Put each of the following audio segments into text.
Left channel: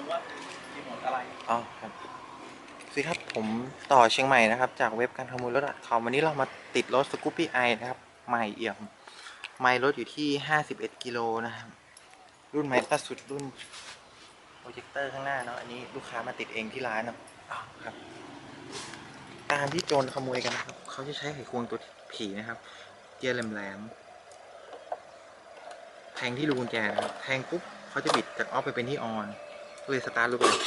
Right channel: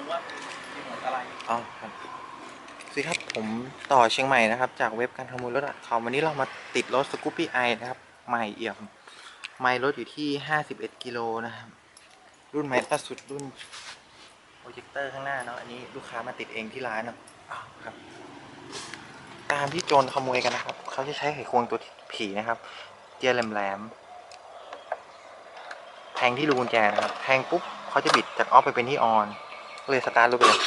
งว่ารีโมทอะไรอ๋อครับสวัสดีครับผมต่อเชียงใหม่นะครับ จากเว็บการขโมยรถคอมวันนี้เรามาติดรถสกูปปี้ไอนะครับ ใหม่เอี่ยมไม่รถอยู่ที่ 51 กิโลนะครับ รุ่นใหม่ล่าสุดรุ่นโปรเจคเตอร์ข้างหน้าเนาะอันนี้ลูกค้ามาติดเองที่ร้านเนาะอ้าวครับ ตามที่โจรขโมยกันนะครับ เขาจะใช้ไขควงตัวผีนะครับ เจียแหลมๆแทงที่รูกุญแจนะครับ แทงปุ๊บเขาจะบิดจากออฟไปเป็นที่ออน เลยสตาร์ทรถไปเลย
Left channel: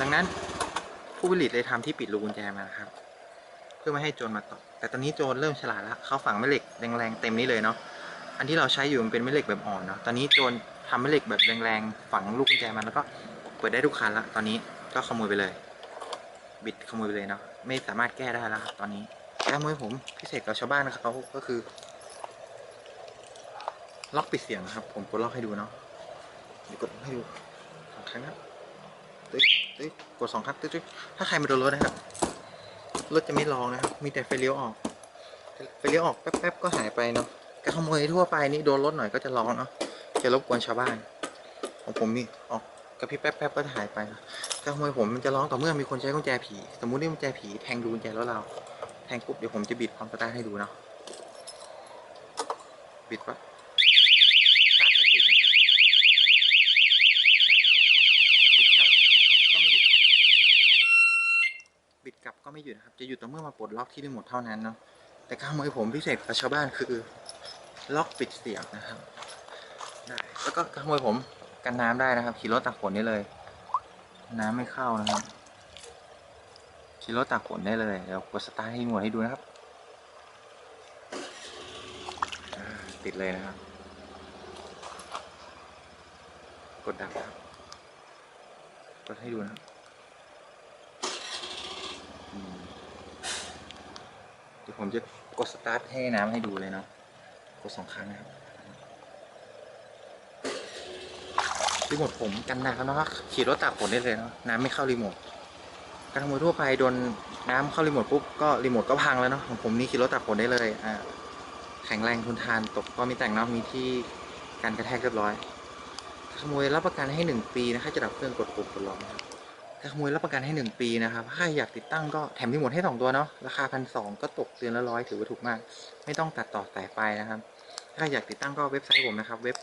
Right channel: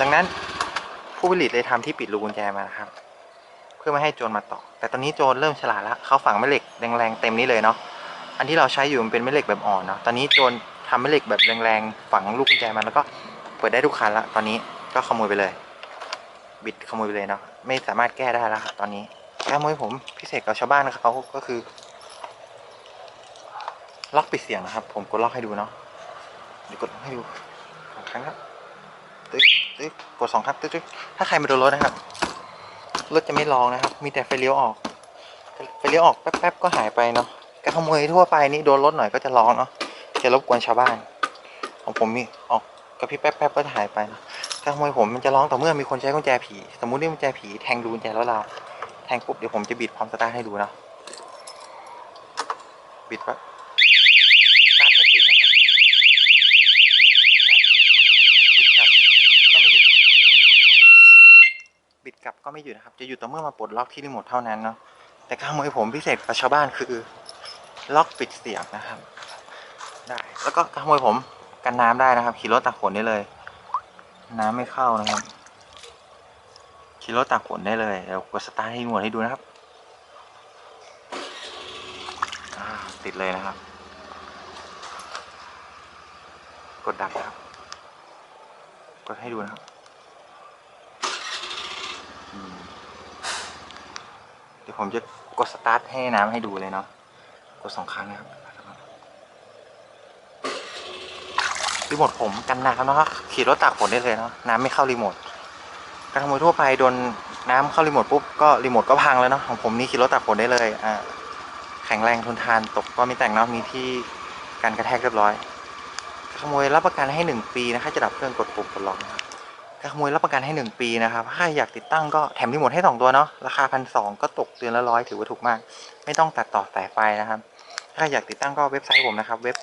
ดังนั้นผู้ผลิตเลยทำที่ปิดรูกุญแจมานะครับ เพื่อไม่ให้โจรมาต่อ แต่ตอนนี้โจรเริ่มฉลาดแล้วเขาฝังแม่เหล็กแรงๆเต็มนี้เลยเนาะอันที่เราใช้อยู่มันเป็นแม่เหล็กแบบอ่อนเนาะตอนนี้โจรทำแม่เหล็กแบบแรงๆฝังลูกกุญแจมาแล้วก็เปิดได้ทุกคันละตอนนี้ก็ขโมยไปเลย บิดขโมยไปเลยเนาะไม่สามารถแก้ได้แล้วครับตอนนี้แก้ขโมยผมพิเศษกับชาวบ้านเขาก็คือ ล็อกปิดเสียงนะครับ ผมกดล็อกให้ดูเนาะเดี๋ยวกดให้ดู รั้งครับตึ๊กตึ๊กกดสองครั้งตึ๊กตึ๊กถ้าใครมาโดนรถนะครับ รถจะไม่ร้องนะครับ มีแต่ไฟเลี้ยวออก ไฟเลี้ยวออกแป๊บๆก็หายไปเนาะการขโมยทั่วไปนี่โดนรถหน่อยก็จะร้องเนาะ จะรบกวนชาวบ้าน ของผมมีออกกระพริบแป๊บๆก็จะหายไปเนาะการขโมยผมมันจะร้องต่อเมื่อมีคนใช้กุญแจผี สมมุติว่ากุญแจผีแทงดูกุญแจแล้วเรา แทงปุ๊บเดี๋ยวผมจะบิดพร้อมสตาร์ทให้ดูเนาะ บิดปั๊บสตาร์ทไม่ติดนะครับ บิดกลับก็ไม่หยุด บิดกลับก็ไม่หยุดนะครับ จะหยุดต่อเมื่อมาปลดล็อกที่รีโมทเท่านั้นเนาะแต่การขโมยผมพิเศษกว่าชาวบ้านคือ ล็อกปิดเสียงนะครับ ได้แล้วก็การขโมยผมกันน้ำได้นะครับ ขี่รถตากฝนได้เลย น้ำไม่เข้านะครับขี่รถตากฝนได้เลยเดี๋ยวกดสตาร์ทให้รีโมทให้ดูนะครับติดเลยนะครับ กดดับนะครับ กดให้ดูนะครับอืมเดี๋ยว ผมจะกดสตาร์ทให้น้ำให้ดูเลยเนาะกดสองครั้งนะครับรีโมทผมกันน้ำนะครับขี่รถตากฝนได้เลยเนาะน้ำไม่เข้ารีโมทการขโมยทั่วไปโดนน้ำเข้ารีโมทปุ๊บก็รีโมทก็พังแล้วเนาะของผมนี่ขี่รถตากฝนได้เลยอ่าแข็งแรงทนทานตกก็มีแต่งเนาะมีที่การกระแทกเรียบร้อยขโมยรับประกันให้หนึ่งปีนะครับจะดับเครื่องกดปุ่มกดล็อกนะครับ การขโมยรับประกันให้หนึ่งปีนะครับถ้าอยากติดตั้งก็แถมรีโมทให้สองตัวเนาะราคาพันสองก็ตกเดือนละร้อยถือว่าถูกมาก ไม่ต้องตัดต่อสายไฟนะครับ ถ้าอยากติดตั้งก็เว็บไซต์ผมนะครับ เว็บ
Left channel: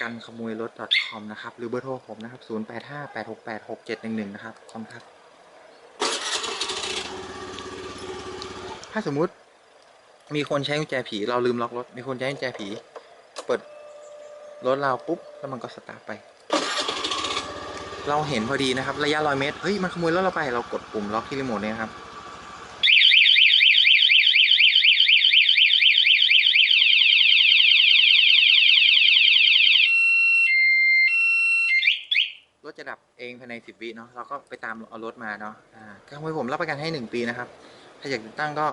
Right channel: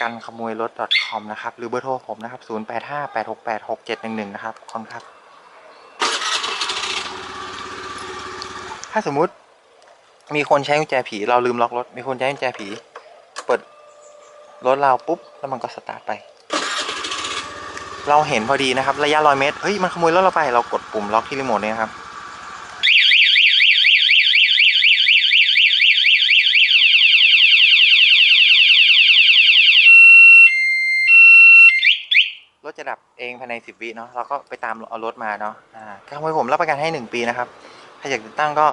กันขโมยรถ .com นะครับ หรือเบอร์โทรผมนะครับ 0858686711 นะครับขอบคุณครับ ถ้าสมมุติมีคนใช้กุญแจผี เราลืมล็อกรถ มีคนใช้กุญแจผี เปิดรถเราปุ๊บ แล้วมันก็สตาร์ทไป เราเห็นพอดีนะครับ ระยะร้อยเมตร เฮ้ย มันขโมยรถเราไป เรากดปุ่มล็อกที่รีโมทเนี่ยครับ รถจะดับเองภายในสิบวิเนาะ เราก็ไปตามเอารถมาเนาะ อ่าขโมยผมรับประกันให้หนึ่งปีนะครับ ถ้าอยากติดตั้งก็